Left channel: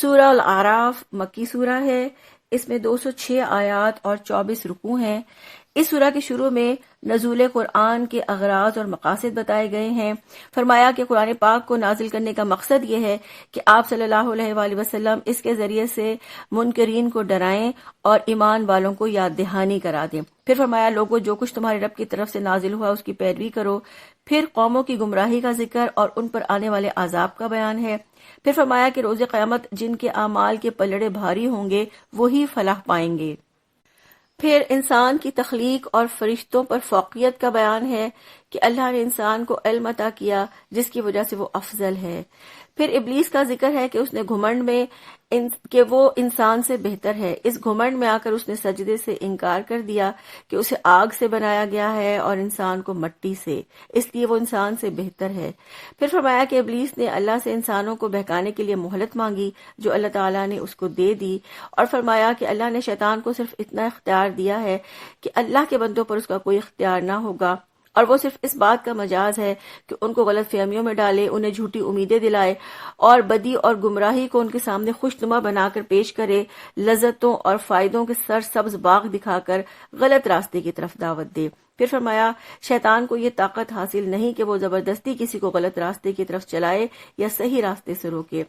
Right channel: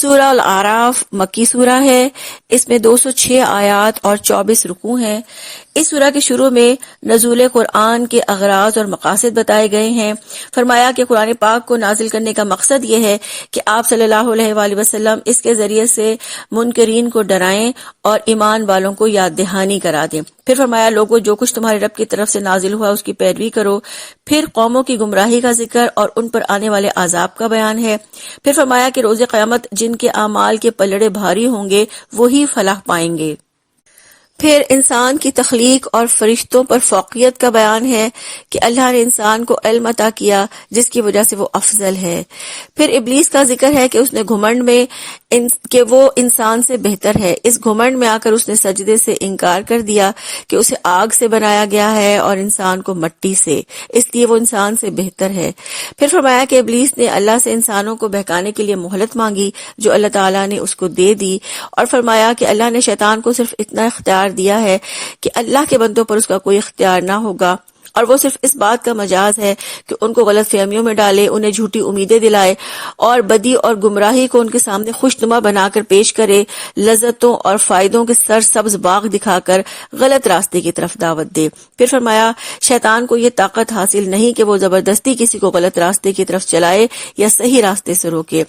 سورہ الاعراف مکی سورہ ہے، اس میں 206 آیات اور 24 رکوع ہیں۔ اس سورہ کے شروع میں نزول قرآن کے اغراض اور مقاصد بتائے گئے ہیں۔ فرمایا کہ قرآن پاک کو نازل کرنے کا مقصد یہ ہے کہ آپ صلی اللہ علیہ وآلہ وسلم اس کے ذریعے سے منکرین کو ڈرائیں اور ایمان والوں کو یاد دہانی کرا دیں۔ پھر فرمایا لوگوں جو کچھ تمہارے رب کی طرف سے نازل ہوا اس کی پیروی کرو۔ پھر قوموں کی گمراہی کا ذکر اور ان پر آنے والے عذاب کا بیان ہے۔ پھر فرمایا کہ روز قیامت جن کے اعمال کے پلڑے بھاری ہوں گے وہی فلاح پائیں گے۔ پھر انسان کی تخلیق اور فرشتوں پر فوقیت کا بیان ہے کہ اللہ نے انسان کو علم عطا کیا جس کی وجہ سے وہ افضل ہے۔ پھر ابلیس کا ذکر ہے کہ اس نے گھمنڈ میں کہ وہ انسان سے بہتر ہے، اس گھمنڈ میں آ کر اس نے سجدے سے انکار کر دیا کہ اسے آگ سے بنایا گیا ہے اور انسان کو مٹی سے، اس لیے وہ انسان سے بہتر ہے۔ پھر فرمایا کہ ابلیس نے اللہ سے انسانوں کو بہکانے کے لیے مہلت مانگی جو اللہ تعالیٰ نے اس کو دے دی، اور فرمایا کہ اللہ نے شیطان کو صرف اتنا اختیار دیا ہے کہ اللہ کے بندوں پر اس کا کوئی اختیار نہ ہوگا، اور وہ صرف اس بات کا مجاز ہے کہ ان کو غلط فہمیوں میں ڈالے، انہیں جھوٹی امیدیں دلائے اور بدی اور گمراہی کو ان کے سامنے خوشنما بنا کر پیش کرے، لذتوں اور فائدوں کے سرسبز باغ دکھا کر غلط راستے کی طرف دعوت دے۔ پھر فرمایا شیطان کو یہ طاقت حاصل نہیں کہ وہ زبردستی کسی کو غلط راستے کی طرف چلائے یا صحیح راستے سے روکے۔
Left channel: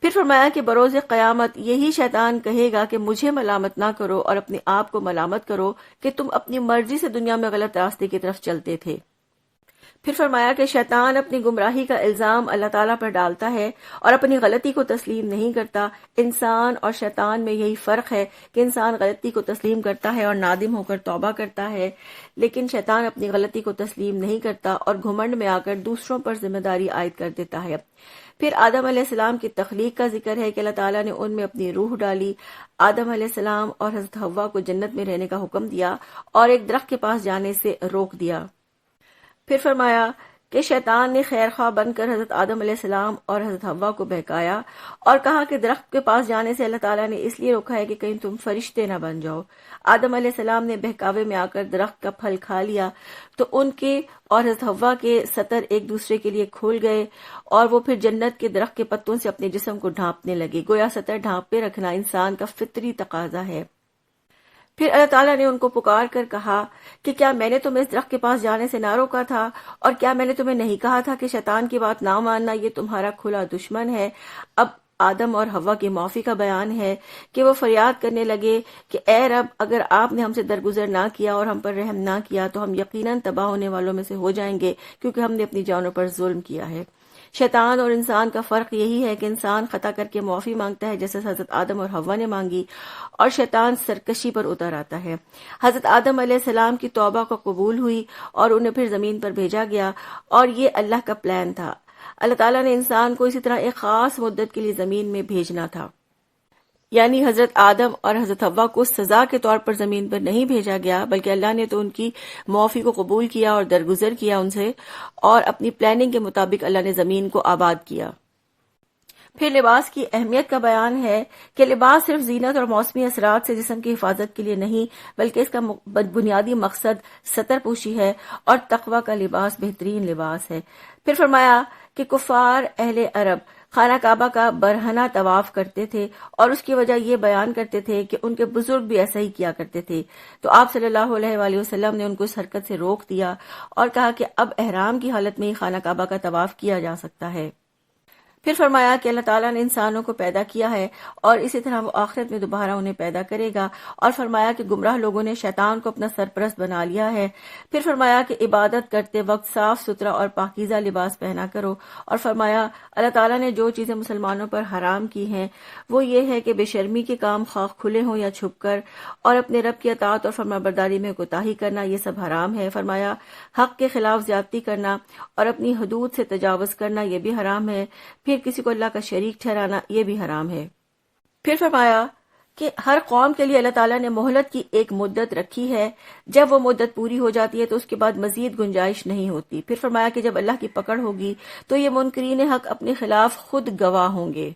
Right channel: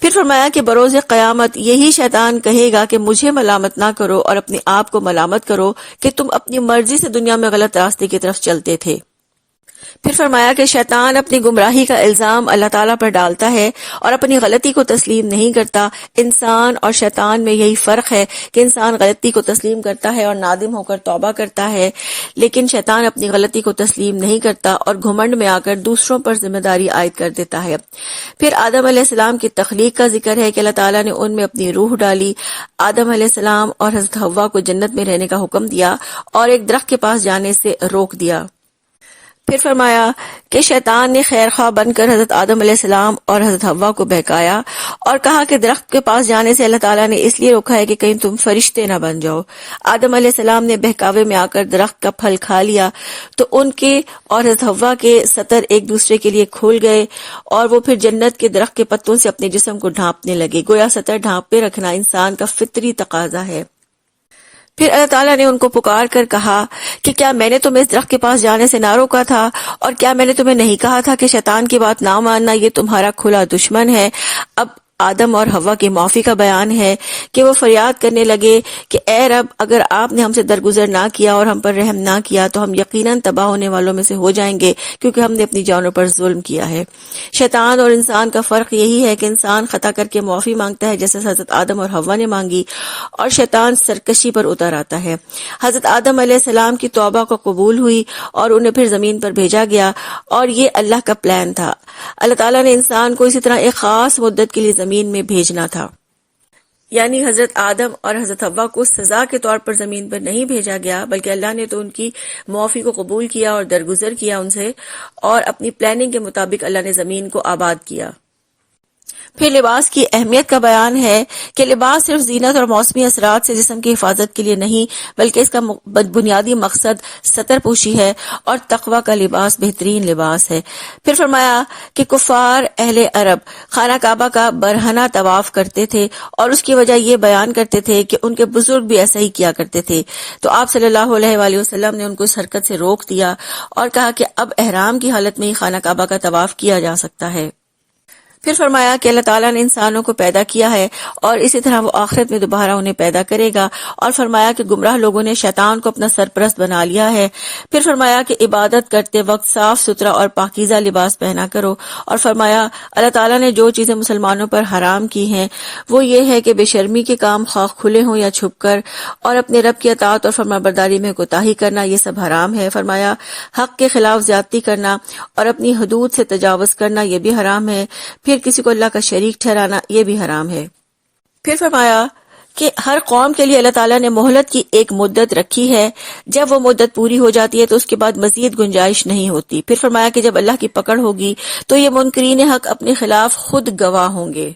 پھر فرمایا کہ بروز قیامت یہی شیطان کہے گا کہ مجھے ملامت نہ کرو اور اپنے آپ کو ملامت کرو کہ تم اپنی مرضی سے دنیا میں غلط راستے کی طرف چلتے تھے۔ پھر فرمایا کہ شیطان اپنی گمراہی کا الزام اللہ تعالیٰ پر ڈالتا ہے اور اپنی غلطی کو تسلیم نہیں کرتا۔ انسان اور شیطان میں یہی فرق ہے کہ انسان غلطی کو تسلیم کرتا ہے اور نادم ہو کر توبہ کرتا ہے، لیکن شیطان اپنی غلطی کو تسلیم نہیں کرتا اور گھمنڈ میں آ کر دوسروں پر ذمہ داری عائد کر دیتا ہے۔ پھر آدم علیہ السلام کی تخلیق کا ذکر ہے کہ اللہ تعالیٰ نے ان میں اپنی روح ڈالی، آدم علیہ السلام اور حضرت حوا کو جنت میں رہنے کا حکم دیا اور ایک درخت کے پاس جانے سے روک دیا۔ پھر فرمایا کہ شیطان نے خیر خواہ بن کر حضرت آدم علیہ السلام اور حضرت حوا کو بہکایا اور کہا کہ درخت کے پاس جانے سے اللہ تعالیٰ نے اس لیے روکا ہے کہ کہیں تم فرشتے نہ بن جاؤ۔ آدم علیہ السلام نے بہکاوے میں آ کر درخت کا پھل کھا لیا تو ان کے اور حضرت حوا کے سطر ایک دوسرے کے لیے کھول گئے اور وہ پھر جنت کے درخت کے پتوں سے اپنے جسم کو ڈھانپنے لگے، گویا سطر ڈھانپے رکھنا انسان کا فطری تقاضا ہے۔ پھر اللہ تعالیٰ نے ان کو پکار کر کہا کہ کیا میں نے تمہیں اس درخت کے پاس جانے سے نہ روکا تھا، اور کیا میں نے تمہیں نہیں کہا تھا کہ شیطان کی بات نہ ماننا یہ تمہارا کھلا دشمن ہے۔ اب آدم اور حوا کی معافی کا بیان ہے کہ وہ فریاد کرنے لگے کہ اے رب، اگر آپ نے ہم سے درگزر نہ کیا اور ہم پر رحم نہ کیا تو ہم یقیناً تباہ ہونے والوں میں سے ہو جائیں گے، کیونکہ ہم نے اپنی جانوں پر ظلم کیا ہے۔ شیطان اور انسان کا فرق یہی ہے کہ انسان خطا کر کے معافی مانگتا ہے جیسے حضرت آدم اور حوا نے مانگی، اور شیطان سرکشی پر اتر آتا ہے۔ حضرت آدم علیہ السلام کی توبہ کو قبول ہوئی اور انہیں پھر زمین پر بھیجا گیا، اور یہ اللہ کا پلان تھا۔ اللہ تعالیٰ نے انسان کو اسی طرح ایک خاص مدت کے لیے زمین میں بھیجنا تھا، یعنی حضرت آدم اور حضرت حوا کو سزا کے طور پر زمین پر نہیں بھیجا گیا، بلکہ اللہ نے تو ان کی معافی کو قبول کیا اور درگزر کیا ان سے، اور اپنی پلاننگ کے مطابق اللہ نے زمین کو آباد کیا۔ پھر لباس کی اہمیت کا بیان ہے کہ لباس صرف زینت اور موسمی اثرات سے جسم کی حفاظت کے لیے نہیں، بلکہ اس کا بنیادی مقصد ستر پوشی ہے، اور تقوی کا لباس بہترین لباس ہے۔ پھر فرمایا کہ کفار اہل عرب خانہ کعبہ کا برہنہ طواف کرتے تھے، اور اس کی وجہ یہ بیان کرتے تھے کہ ان کے بزرگ بھی ایسا ہی کیا کرتے تھے، تو آپ صلی اللہ علیہ وآلہ وسلم نے ان کو اس حرکت سے روک دیا اور کہا کہ اب احرام کی حالت میں ہی خانہ کعبہ کا طواف کیا جا سکتا ہے۔ پھر فرمایا کہ اللہ تعالیٰ نے انسانوں کو پیدا کیا ہے اور اسی طرح وہ آخرت میں دوبارہ انہیں پیدا کرے گا، اور فرمایا کہ گمراہ لوگوں نے شیطان کو اپنا سرپرست بنا لیا ہے۔ پھر فرمایا کہ عبادت کرتے وقت صاف ستھرا اور پاکیزہ لباس پہنا کرو، اور فرمایا اللہ تعالیٰ نے جو چیزیں مسلمانوں پر حرام کی ہیں وہ یہ ہے کہ بے شرمی کے کام خواہ کھلے ہوں یا چھپ کر، اور اپنے رب کی اطاعت اور فرمانبرداری میں کوتاہی کرنا، یہ سب حرام ہے۔ فرمایا حق کے خلاف زیادتی کرنا اور اپنی حدود سے تجاوز کرنا یہ بھی حرام ہے۔ پھر کسی کو اللہ کا شریک ٹھہرانا یہ بھی حرام ہے۔ پھر فرمایا کہ ہر قوم کے لیے اللہ تعالیٰ نے مہلت کی ایک مدت رکھی ہے، جب وہ مدت پوری ہو جاتی ہے تو اس کے بعد مزید گنجائش نہیں ہوتی۔ پھر فرمایا کہ جب اللہ کی پکڑ ہوگی تو یہ منکرین حق اپنے خلاف خود گواہ ہوں گے۔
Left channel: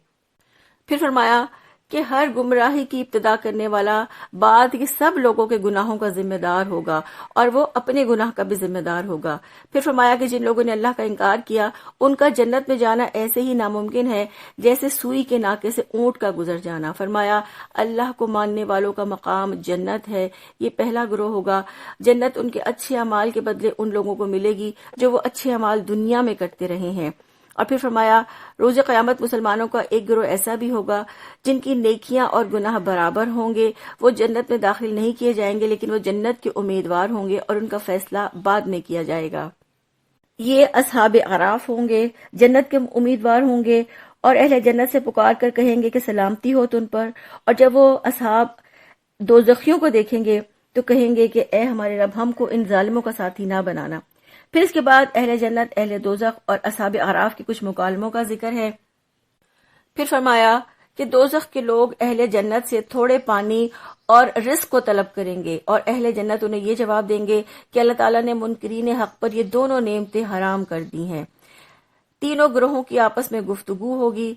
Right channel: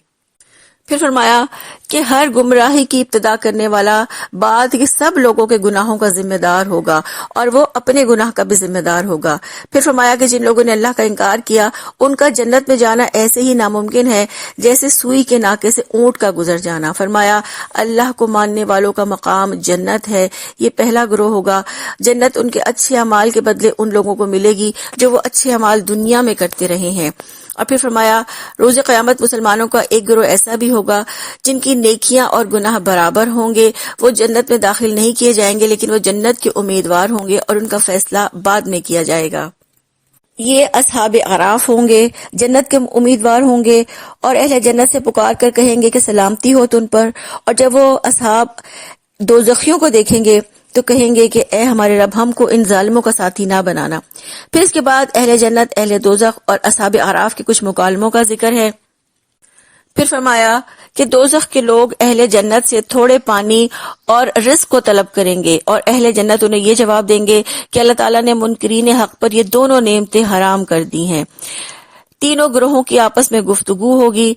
پھر فرمایا کہ ہر گمراہی کی ابتدا کرنے والا بعد کے سب لوگوں کے گناہوں کا ذمہ دار ہوگا اور وہ اپنے گناہ کا بھی ذمہ دار ہوگا۔ پھر فرمایا کہ جن لوگوں نے اللہ کا انکار کیا ان کا جنت میں جانا ایسے ہی ناممکن ہے جیسے سوئی کے ناکے سے اونٹ کا گزر جانا۔ فرمایا اللہ کو ماننے والوں کا مقام جنت ہے، یہ پہلا گروہ ہوگا۔ جنت ان کے اچھے اعمال کے بدلے ان لوگوں کو ملے گی جو وہ اچھے اعمال دنیا میں کرتے رہے ہیں۔ اور پھر فرمایا روز قیامت مسلمانوں کا ایک گروہ ایسا بھی ہوگا جن کی نیکیاں اور گناہ برابر ہوں گے، وہ جنت میں داخل نہیں کیے جائیں گے لیکن وہ جنت کے امیدوار ہوں گے اور ان کا فیصلہ بعد میں کیا جائے گا۔ یہ اصحاب اعراف ہوں گے، جنت کے امیدوار ہوں گے اور اہل جنت سے پکار کر کہیں گے کہ سلامتی ہو تم پر، اور جب وہ اصحاب دوزخیوں کو دیکھیں گے تو کہیں گے کہ اے ہمارے رب ہم کو ان ظالموں کا ساتھی نہ بنانا۔ پھر اس کے بعد اہل جنت، اہل دوزخ اور اصحاب اعراف کے کچھ مکالموں کا ذکر ہے۔ پھر فرمایا کہ دوزخ کے لوگ اہل جنت سے تھوڑے پانی اور رزق کو طلب کریں گے اور اہل جنت انہیں یہ جواب دیں گے کہ اللہ تعالیٰ نے منکرین حق پر یہ دونوں نعمتیں حرام کر دی ہیں۔ تینوں گروہوں کی آپس میں گفتگو ہوگی۔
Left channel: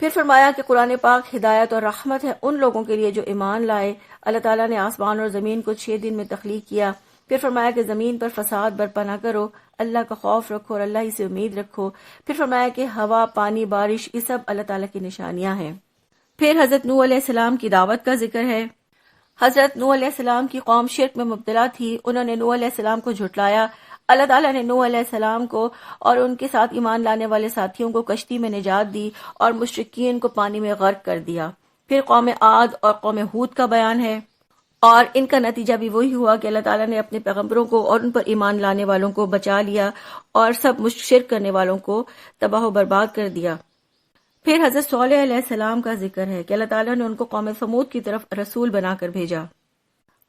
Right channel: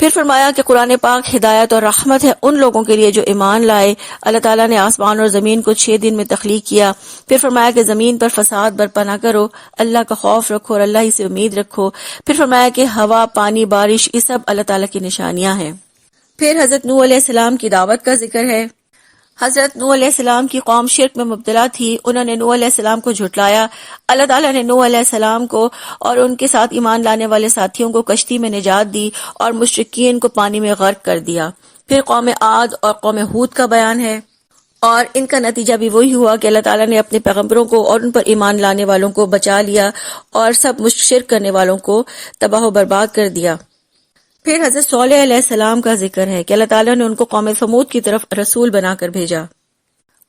پھر فرمایا کہ قرآن پاک ہدایت اور رحمت ہے ان لوگوں کے لیے جو ایمان لائے۔ اللہ تعالیٰ نے آسمان اور زمین کو 6 دن میں تخلیق کیا۔ پھر فرمایا کہ زمین پر فساد برپا نہ کرو، اللہ کا خوف رکھو اور اللہ ہی سے امید رکھو۔ پھر فرمایا کہ ہوا، پانی، بارش یہ سب اللہ تعالیٰ کی نشانیاں ہیں۔ پھر حضرت نوح علیہ السلام کی دعوت کا ذکر ہے۔ حضرت نوح علیہ السلام کی قوم شرک میں مبتلا تھی، انہوں نے نوح علیہ السلام کو جھٹلایا۔ اللہ تعالیٰ نے نوح علیہ السلام کو اور ان کے ساتھ ایمان لانے والے ساتھیوں کو کشتی میں نجات دی اور مشرکین کو پانی میں غرق کر دیا۔ پھر قوم عاد اور قوم ہود کا بیان ہے، اور ان کا نتیجہ بھی وہی ہوا کہ اللہ تعالیٰ نے اپنے پیغمبروں کو اور ان پر ایمان لانے والوں کو بچا لیا اور سب شرک کرنے والوں کو تباہ و برباد کر دیا۔ پھر حضرت صالح علیہ السلام کا ذکر ہے کہ اللہ تعالیٰ نے ان کو قوم سمود کی طرف رسول بنا کر بھیجا۔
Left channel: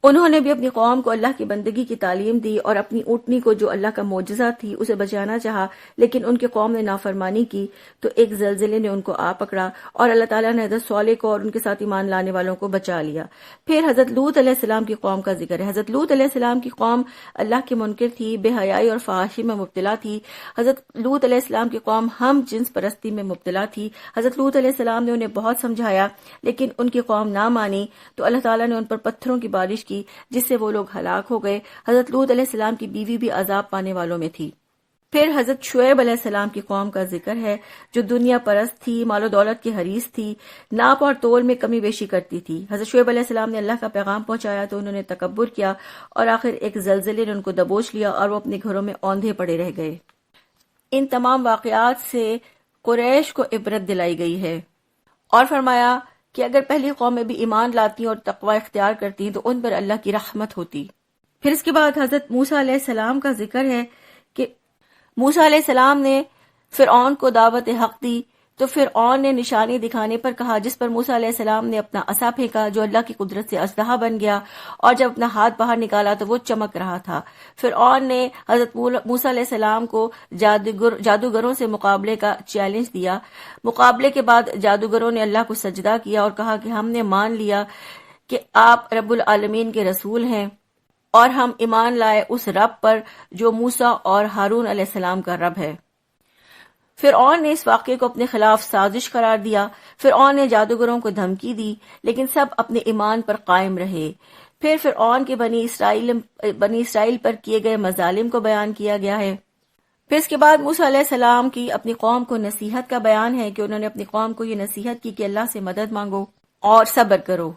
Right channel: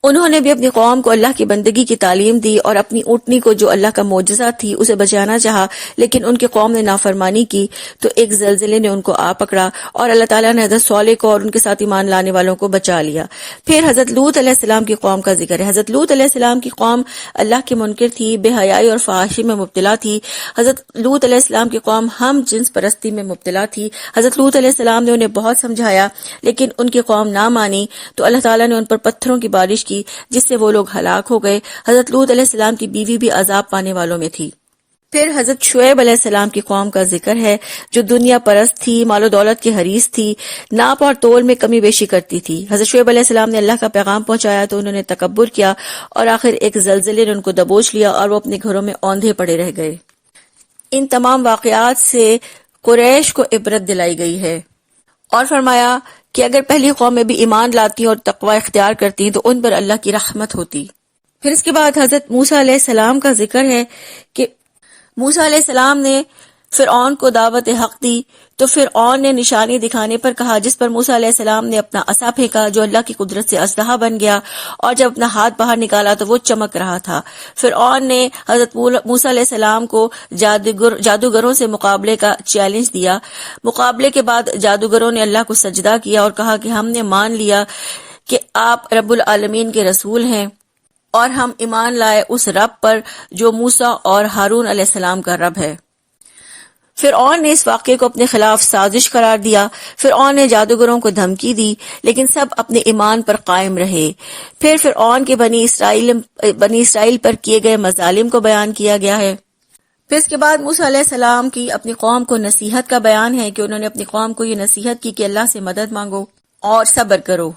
انہوں نے بھی اپنی قوم کو اللہ کی بندگی کی تعلیم دی اور اپنی اونٹنی کو جو اللہ کا معجزہ تھی اسے بچانا چاہا، لیکن ان کی قوم نے نافرمانی کی تو ایک زلزلے نے ان کو آ پکڑا اور اللہ تعالیٰ نے حضرت صالح کو اور ان کے ساتھ ایمان لانے والوں کو بچا لیا۔ پھر حضرت لوط علیہ السلام کی قوم کا ذکر ہے۔ حضرت لوط علیہ السلام کی قوم اللہ کی منکر تھی، بے حیائی اور فحاشی میں مبتلا تھی۔ حضرت لوط علیہ السلام کی قوم ہم جنس پرستی میں مبتلا تھی۔ حضرت لوط علیہ السلام نے انہیں بہت سمجھایا لیکن ان کی قوم نہ مانی تو اللہ تعالیٰ نے ان پر پتھروں کی بارش کی جس سے وہ لوگ ہلاک ہو گئے۔ حضرت لوط علیہ السلام کی بیوی بھی عذاب پانے والوں میں تھی۔ پھر حضرت شعیب علیہ السلام کی قوم کا ذکر ہے جو دنیا پرست تھی، مال و دولت کی حریص تھی، ناپ اور تول میں کمی بیشی کرتی تھی۔ حضرت شعیب علیہ السلام نے اللہ کا پیغام پہنچایا تو انہوں نے تکبر کیا اور آخر ایک زلزلے نے ان کو دبوچ لیا اور وہ اپنے گھروں میں اوندھے پڑے رہ گئے۔ ان تمام واقعات سے قریش کو عبرت دلائی گئی ہے اور فرمایا کہ اگر پہلی قومیں بھی ایمان لاتی اور تقوی اختیار کرتی تو ان پر اللہ کی رحمت ہوتی۔ پھر اس کے بعد حضرت موسیٰ علیہ السلام کا ذکر ہے کہ موسیٰ علیہ السلام نے فرعون کو دعوت حق دی تو فرعون نے نشانی دکھانے پر کہا، جس پر موسیٰ علیہ السلام نے اپنا عصا پھینکا جو اللہ کی قدرت سے اسلحہ بن گیا، اور جب اپنا ہاتھ باہر نکالا تو وہ چمک رہا تھا۔ فرعون نے حضرت موسیٰ علیہ السلام کو جادوگروں سے مقابلے کا چیلنج دیا۔ مقابلے کے بعد جادوگروں نے اللہ کو سجدہ کیا اور کہا کہ ہم نے مان لیا کہ آپ رب العالمین کے رسول ہیں اور ہم ایمان لائے اس رب پر جو موسیٰ اور ہارون علیہ السلام کا رب ہے۔ فرعون نے اس واقعے کو اپنے خلاف سازش قرار دیا۔ فرعون نے جادوگروں کو دھمکی دی لیکن سب اپنے ایمان پر قائم رہے۔ پھر فرعون کے بنی اسرائیل پر کیے گئے مظالم کو بیان کیا گیا ہے۔ پھر اس کے بعد موسیٰ علیہ السلام کی اپنی قوم کو نصیحت کا بیان ہے کہ انہوں نے اپنی قوم کو یہ نصیحت کی کہ اللہ سے مدد مانگو اور صبر کرو۔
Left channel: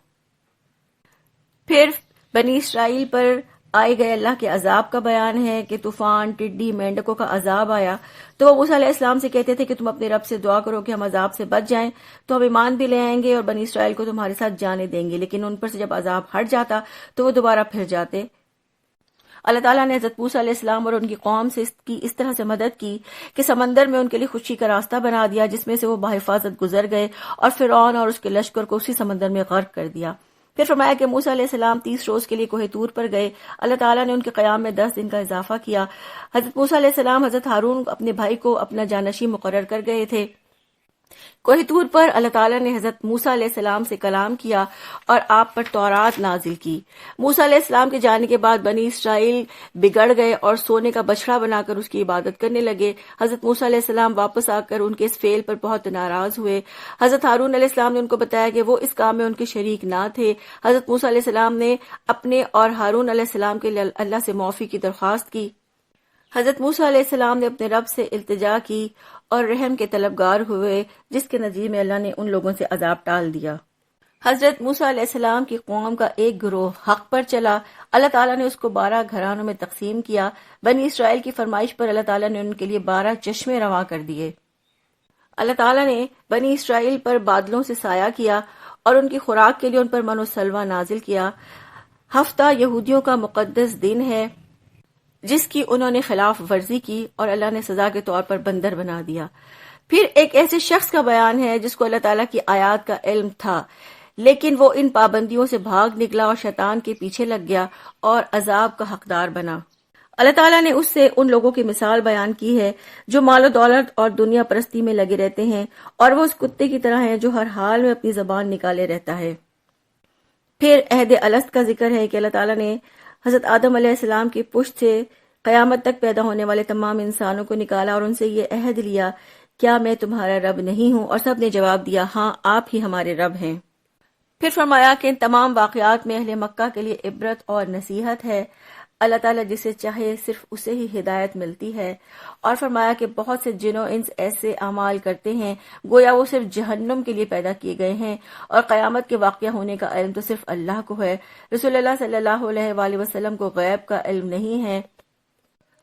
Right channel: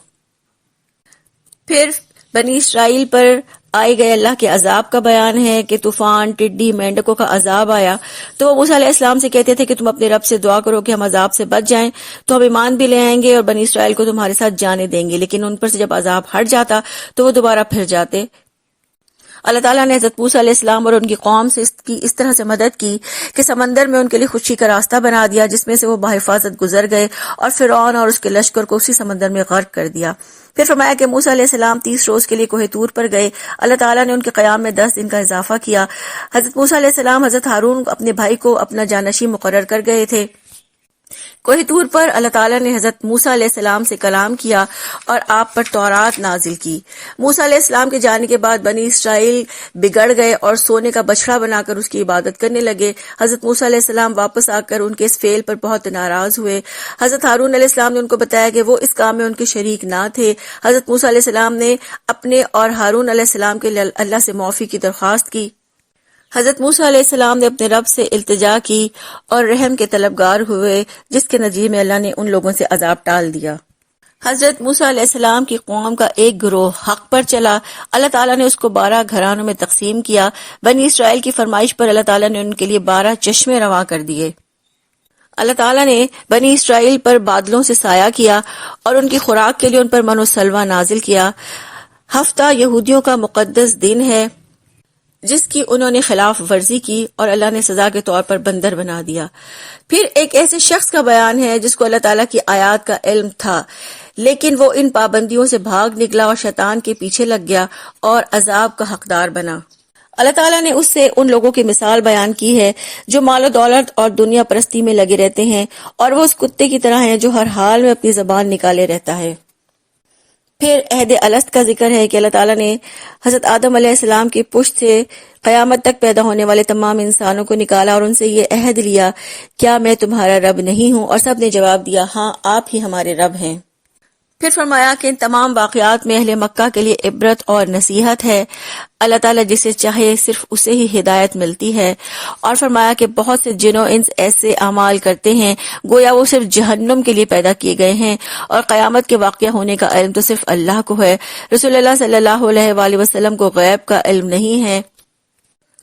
پھر بنی اسرائیل پر آئے گئے اللہ کے عذاب کا بیان ہے کہ طوفان، ٹڈی، مینڈکوں کا عذاب آیا تو وہ موسیٰ علیہ السلام سے کہتے تھے کہ تم اپنے رب سے دعا کرو کہ ہم عذاب سے بچ جائیں تو ہم ایمان بھی لے آئیں گے اور بنی اسرائیل کو تمہارے ساتھ جانے دیں گے، لیکن ان پر سے جب عذاب ہٹ جاتا تو وہ دوبارہ پھر جاتے۔ اللہ تعالیٰ نے حضرت موسیٰ علیہ السلام اور ان کی قوم سے اس طرح سے مدد کی کہ سمندر میں ان کے لیے خوشی کا راستہ بنا دیا جس میں سے وہ بحفاظت گزر گئے اور فرعون اور اس کے لشکر کو اسی سمندر میں غرق کر دیا۔ پھر فرمایا کہ موسیٰ علیہ السلام 30 روز کے لیے کوہ طور پر گئے۔ اللہ تعالیٰ نے ان کے قیام میں 10 دن کا اضافہ کیا۔ حضرت موسیٰ علیہ السلام حضرت ہارون اپنے بھائی کو اپنا جانشین مقرر کر گئے تھے۔ کوہ طور پر اللہ تعالیٰ نے حضرت موسیٰ علیہ السلام سے کلام کیا اور آپ پر تورات نازل کی۔ موسیٰ علیہ السلام کے جانے کے بعد بنی اسرائیل بگڑ گئے اور سونے کا بچڑا بنا کر اس کی عبادت کرنے لگے۔ حضرت موسیٰ علیہ السلام واپس آ کر ان کے اس فعل پر بہت ناراض ہوئے۔ حضرت ہارون علیہ السلام نے ان کو بتایا کہ وہ اس کام میں ان کے شریک نہ تھے۔ حضرت موسیٰ علیہ السلام نے اپنے اور ہارون علیہ السلام کے لیے اللہ سے معافی کی درخواست کی۔ حضرت موسیٰ علیہ السلام نے اپنے رب سے التجا کی اور رحم کے طلبگار ہوئے، جس کے نتیجے میں اللہ نے ان لوگوں سے عذاب ٹال دیا۔ حضرت موسیٰ علیہ السلام کی قوم کا ایک گروہ حق پر چلا، اللہ تعالیٰ نے اس کو 12 گھرانوں میں تقسیم کیا۔ بنی اسرائیل کی فرمائش پر اللہ تعالیٰ نے ان کے لیے 12 چشمے رواں کر دیے۔ اللہ تعالیٰ نے بنی اسرائیل پر بادلوں سے سایہ کیا اور ان کی خوراک کے لیے ان پر من و سلوہ نازل کیا۔ ہفتہ یہودیوں کا مقدس دن ہے جس کی انہوں نے خلاف ورزی کی اور اللہ نے سزا کے طور پر بندر بنا دیا۔ پھر ایک ایسے شخص کا بیان ہے جس کو اللہ تعالیٰ کی آیات کا علم تھا، لیکن وہ ان پابندیوں سے بھاگ نکلا اور شیطان کے پیچھے لگ گیا اور عذاب کا حقدار بنا۔ اللہ تعالیٰ نے اس سے ان لوگوں کی مثال بیان کی ہے جو مال و دولت اور دنیا پرستی میں لگے رہتے ہیں، اور وہ اس کتے کی طرح ہیں جو ہر حال میں اپنی زبان نکالے رہتا ہے۔ پھر عہد الست کا ذکر ہے کہ اللہ تعالیٰ نے حضرت آدم علیہ السلام کی پشت سے قیامت تک پیدا ہونے والے تمام انسانوں کو نکالا اور ان سے یہ عہد لیا، کیا میں تمہارا رب نہیں ہوں؟ اور سب نے جواب دیا، ہاں آپ ہی ہمارے رب ہیں۔ پھر فرمایا کہ ان تمام واقعات میں اہل مکہ کے لیے عبرت اور نصیحت ہے۔ اللہ تعالیٰ جسے چاہے صرف اسے ہی ہدایت ملتی ہے۔ اور فرمایا کہ بہت سے جن و انس ایسے اعمال کرتے ہیں گویا وہ صرف جہنم کے لیے پیدا کیے گئے ہیں، اور قیامت کے واقعہ ہونے کا علم تو صرف اللہ کو ہے۔ رسول اللہ صلی اللہ علیہ وآلہ وسلم کو غیب کا علم نہیں ہے۔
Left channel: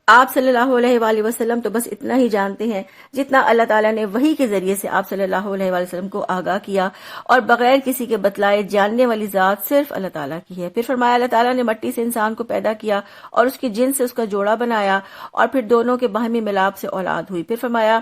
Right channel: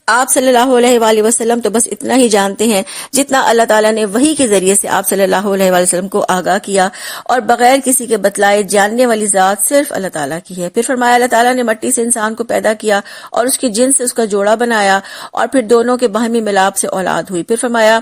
آپ صلی اللہ علیہ وآلہ وسلم تو بس اتنا ہی جانتے ہیں جتنا اللہ تعالیٰ نے وحی کے ذریعے سے آپ صلی اللہ علیہ وآلہ وسلم کو آگاہ کیا، اور بغیر کسی کے بتلائے جاننے والی ذات صرف اللہ تعالیٰ کی ہے۔ پھر فرمایا اللہ تعالیٰ نے مٹی سے انسان کو پیدا کیا اور اس کی جن سے اس کا جوڑا بنایا، اور پھر دونوں کے باہمی ملاپ سے اولاد ہوئی۔ پھر فرمایا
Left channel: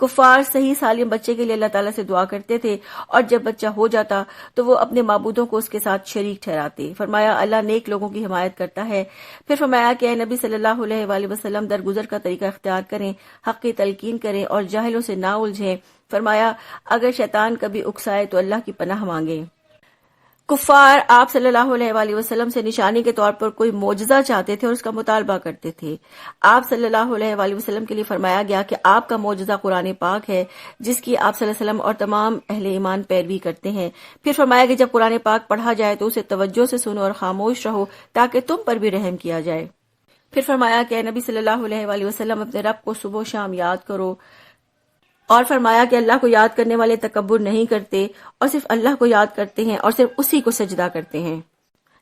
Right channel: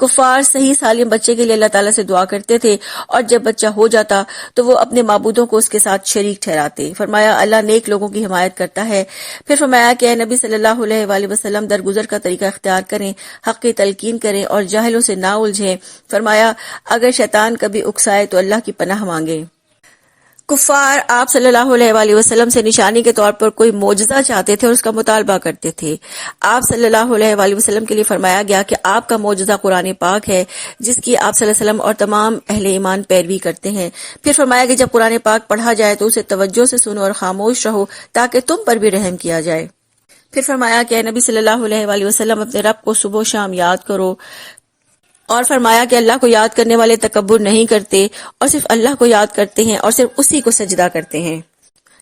کفار صحیح سالم بچے کے لیے اللہ تعالیٰ سے دعا کرتے تھے، اور جب بچہ ہو جاتا تو وہ اپنے معبودوں کو اس کے ساتھ شریک ٹھہراتے۔ فرمایا اللہ نیک لوگوں کی حمایت کرتا ہے۔ پھر فرمایا کہ اے نبی صلی اللہ علیہ وآلہ وسلم درگزر کا طریقہ اختیار کریں، حق کی تلقین کریں اور جاہلوں سے نہ الجھیں۔ فرمایا اگر شیطان کبھی اکسائے تو اللہ کی پناہ مانگے۔ کفار آپ صلی اللہ علیہ وآلہ وسلم سے نشانی کے طور پر کوئی معجزہ چاہتے تھے اور اس کا مطالبہ کرتے تھے۔ آپ صلی اللہ علیہ وآلہ وسلم کے لیے فرمایا گیا کہ آپ کا معجزہ قرآن پاک ہے، جس کی آپ صلی اللہ علیہ وسلم اور تمام اہل ایمان پیروی کرتے ہیں۔ پھر فرمایا کہ جب قرآن پاک پڑھا جائے تو اسے توجہ سے سنو اور خاموش رہو تاکہ تم پر بھی رحم کیا جائے۔ پھر فرمایا کہ اے نبی صلی اللہ علیہ وآلہ وسلم اپنے رب کو صبح و شام یاد کرو، اور فرمایا کہ اللہ کو یاد کرنے والے تکبر نہیں کرتے اور صرف اللہ کو یاد کرتے ہیں اور صرف اسی کو سجدہ کرتے ہیں۔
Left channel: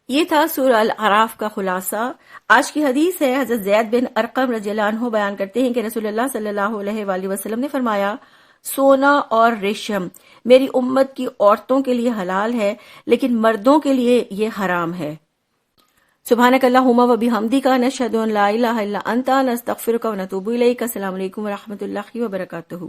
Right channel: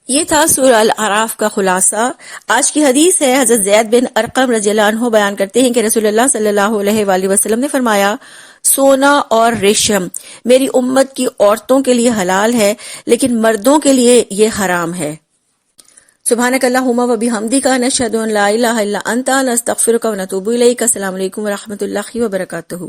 یہ تھا سورہ الاعراف کا خلاصہ۔ آج کی حدیث ہے، حضرت زید بن ارقم رضی اللہ عنہ بیان کرتے ہیں کہ رسول اللہ صلی اللہ علیہ وآلہ وسلم نے فرمایا، سونا اور ریشم میری امت کی عورتوں کے لیے حلال ہے، لیکن مردوں کے لیے یہ حرام ہے۔ سبحانک اللہم و بحمدک، نشہد ان لا الہ الا انت، نستغفرک و نتوب الیک۔ السلام علیکم و رحمۃ اللہ وبرکاتہ۔